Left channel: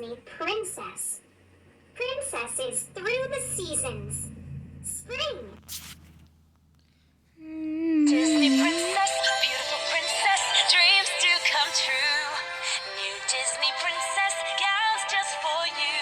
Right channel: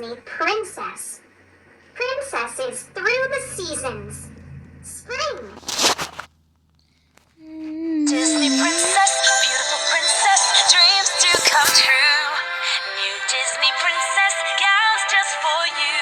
Disney princess. Princesses through the seasons. Spring. Disney princess, beautiful princess, dreams do come true. New Disney princess gowns just for you.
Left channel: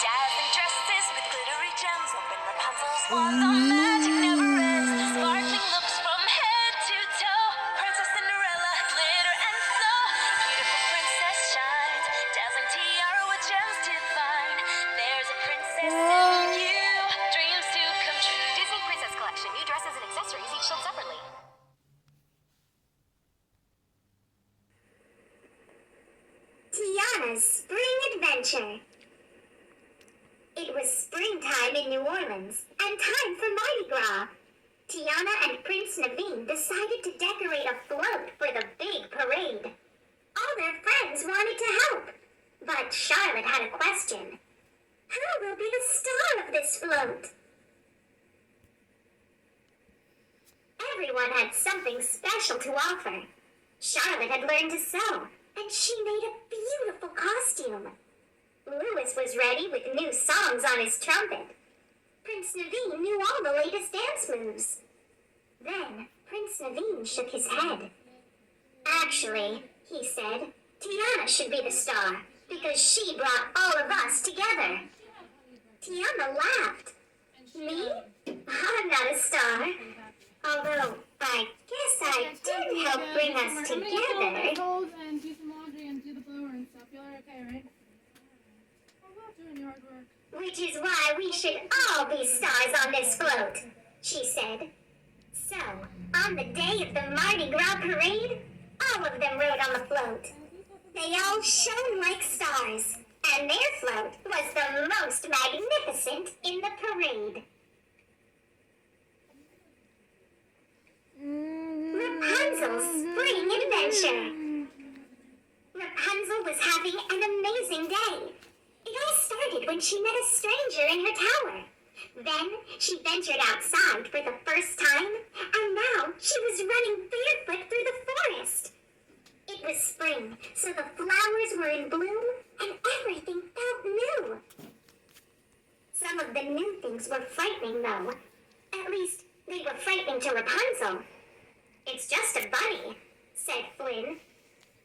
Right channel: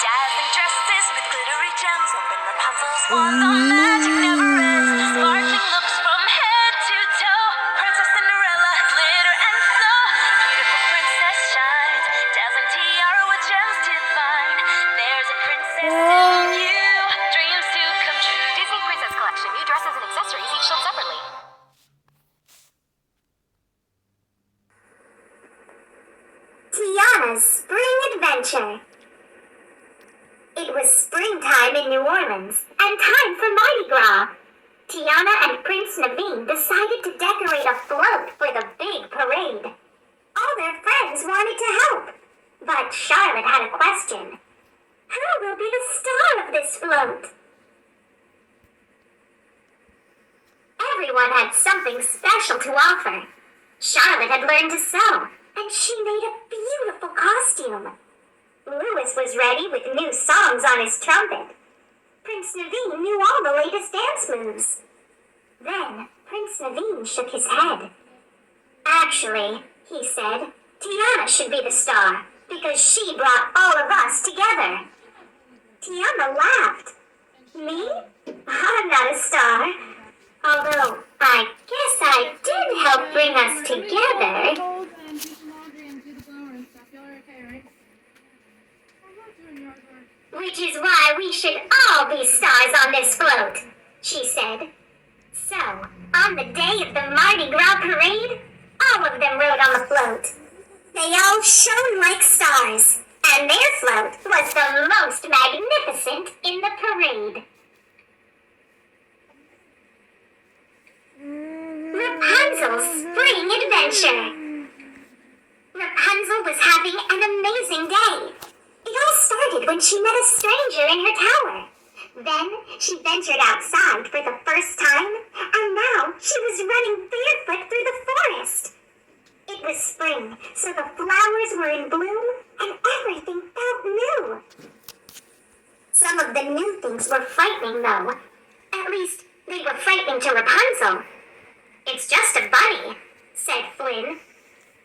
Dazzling dresses with glittery gems, open Rapunzel's wand. The magic never ends. Sparkling looks from head to toe. Princess Cinderella, glitter and flow. Beautiful princess shines. Dazzling tiara with gems divine. There's a princess in you. Dreams do come true. Disney Princess Collection. New dresses and accessories each sold separately. Tiana's Spring Adventure. It was springtime in New Orleans and time for Mardi Gras. Tiana and Prince Naveen decided to decorate a float for the big parade. All their friends wanted to help, but Charlotte had a question. Who will be the star of this float? Everyone had something special to offer. Charlotte had learned to sew, and she made a beautiful costume. Louis was ready with new songs on his trumpet. Prince Naveen knew all the latest dance moves. Then Prince Naveen shook his head. Actually, he said, Tiana should be the star, because she brought all of us together. Tiana laughed. Me? I'm not a star. Although, I guess I did help bring us together. Which is why we should all be stars on this float, she said. So, on the day of the Mardi Gras parade, all of them rode on the float. They all shone like stars, and their float was the most magnificent in the parade. Rapunzel's Spring Adventure. Rapunzel was having an amazing day. It all started when she met a stranger in her tower. Then she ventured outside for the first time, and now she was running barefoot through the forest. It was spring, so the flowers were in bloom, and everything felt new. Some of the new things were frightening, though. At least, they were frightening to Rapunzel. It's just a bunny, said Flynn.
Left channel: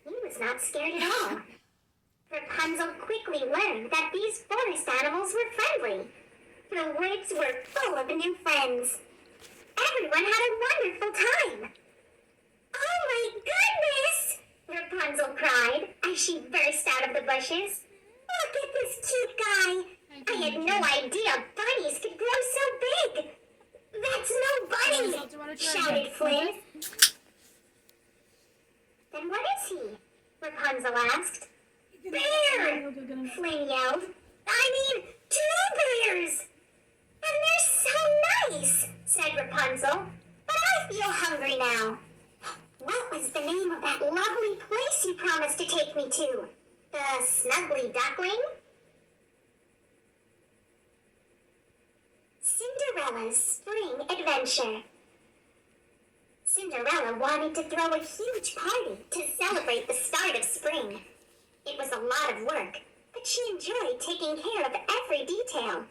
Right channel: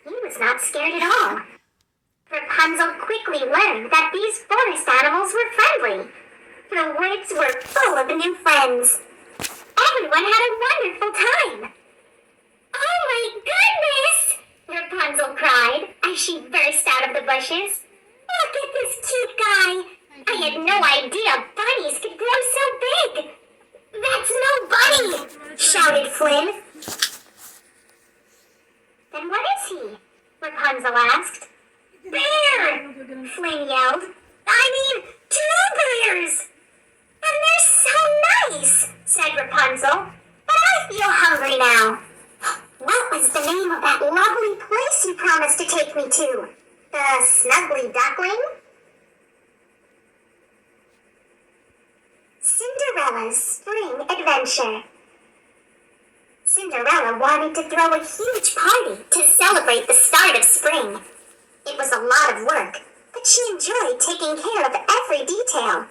He was not scared at all. Rapunzel quickly learned that these forest animals were friendly. The woods were full of new friends. Everyone had a wonderful time. Oh my goodness! Rapunzel cried as she burst out of the bushes. Look at this cute guy. I had no idea bunnies could grow so big. That's no bunny, shouted Flynn. Then what is he? Rapunzel asked. Bear! Flynn yelled. I mean, 2 bears! And they're so nice, said Rapunzel. But I feel hungry now. What was the name of that lovely place you promised to take me to? The Snuggly Duckling? Cinderella's Spring Adventure. Cinderella wanted to throw a huge party to celebrate the start of spring. It was a lot of work, but she enjoyed taking care of every detail.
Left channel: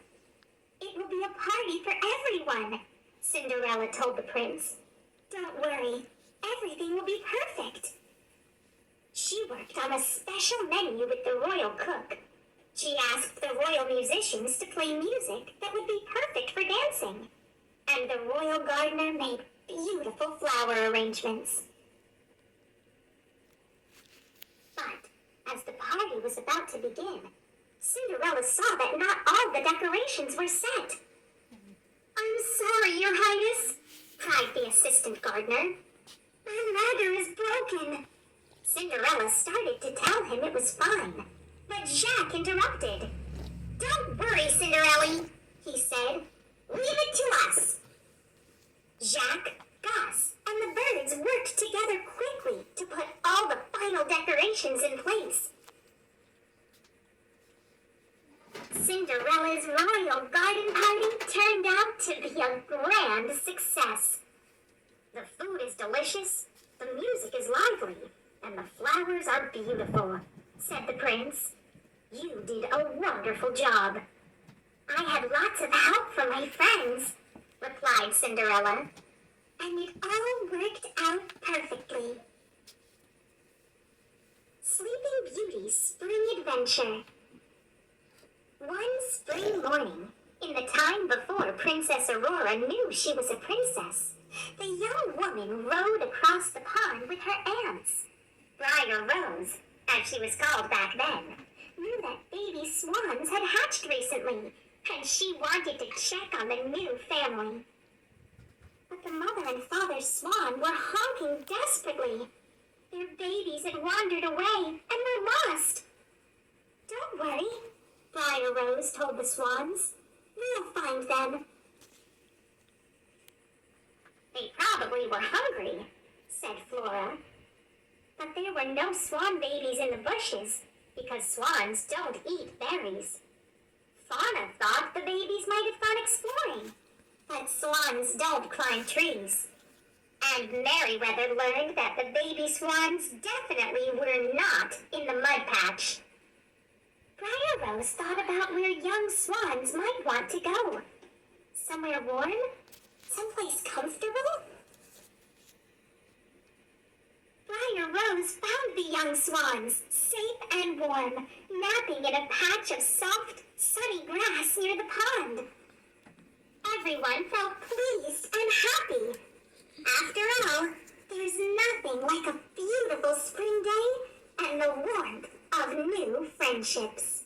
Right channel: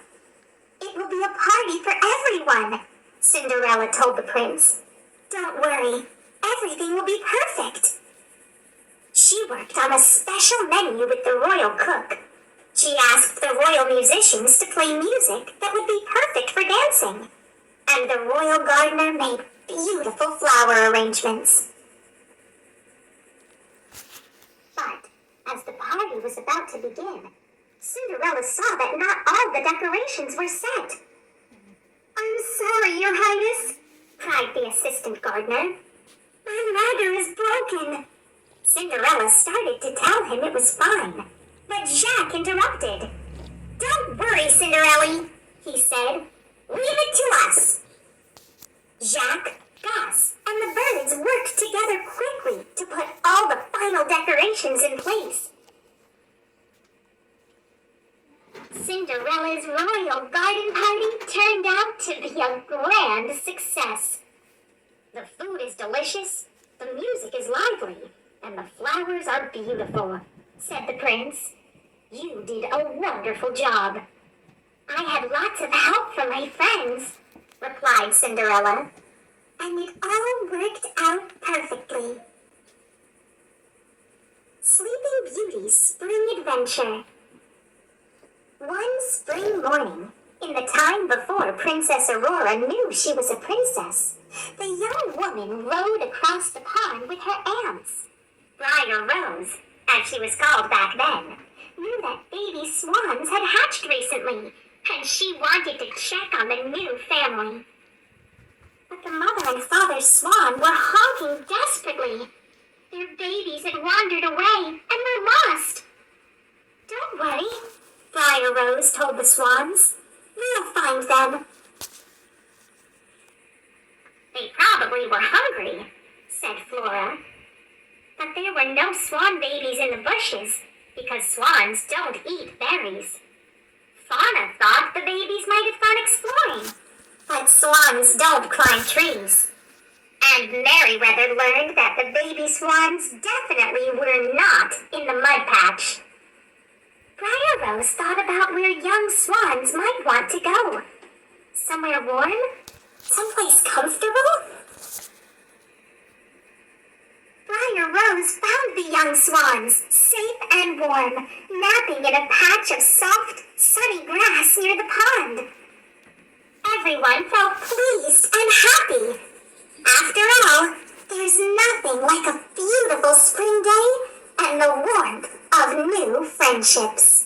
It will be a party for everyone, Cinderella told the prince. Don't worry, everything will be perfect. She worked on a special menu with the royal cook. She asked the royal musicians to play music that would be perfect for dancing. And the royal gardener made beautiful flower arrangements. But as the party was about to begin, Cinderella saw that not all the decorations were set. I'm sorry, Your Highness, cried the assistant gardener. My ladder is broken. Cinderella started to tell him it was fine, but Jacques interrupted. Don't worry, Cinderella, he said. Leave it to us. Jacques, Gus, and the birds worked together quickly to put all the final decorations in place. Cinderella's royal garden party turned out to be a grand success. The food is delicious, the music is lively, and the flowers are beautiful, said the prince. You did a wonderful job. I had lots of help from my friends, replied Cinderella, and it all worked out perfectly. Sleeping Beauty's Spring Adventure. One spring morning, in the time before Princess Aurora knew she was a princess, the young woman rode across the pond with her aunts. Briar Rose, as she was called back then, knew that baby swans had hatched recently, and she wanted to check on the new family. But the mother and father swan were honking desperately. Their babies had wandered away and were lost. Don't worry, Briar Rose told the swans. We'll find them. They probably were hungry, said Flora. But there were no swan babies in the bushes, because swans don't eat berries. Fauna thought the babies might have gone exploring, but swans don't climb trees. And Merryweather learned that the baby swans definitely were not in the mud patch. Briar Rose thought about where young swans might want to go. Somewhere warm? Someplace comfortable? Briar Rose found the young swans, safe and warm, napping in a patch of soft, sunny grass near the pond. Everyone felt pleased and happy. After all, there's nothing like a beautiful spring day and the warmth of new friendships.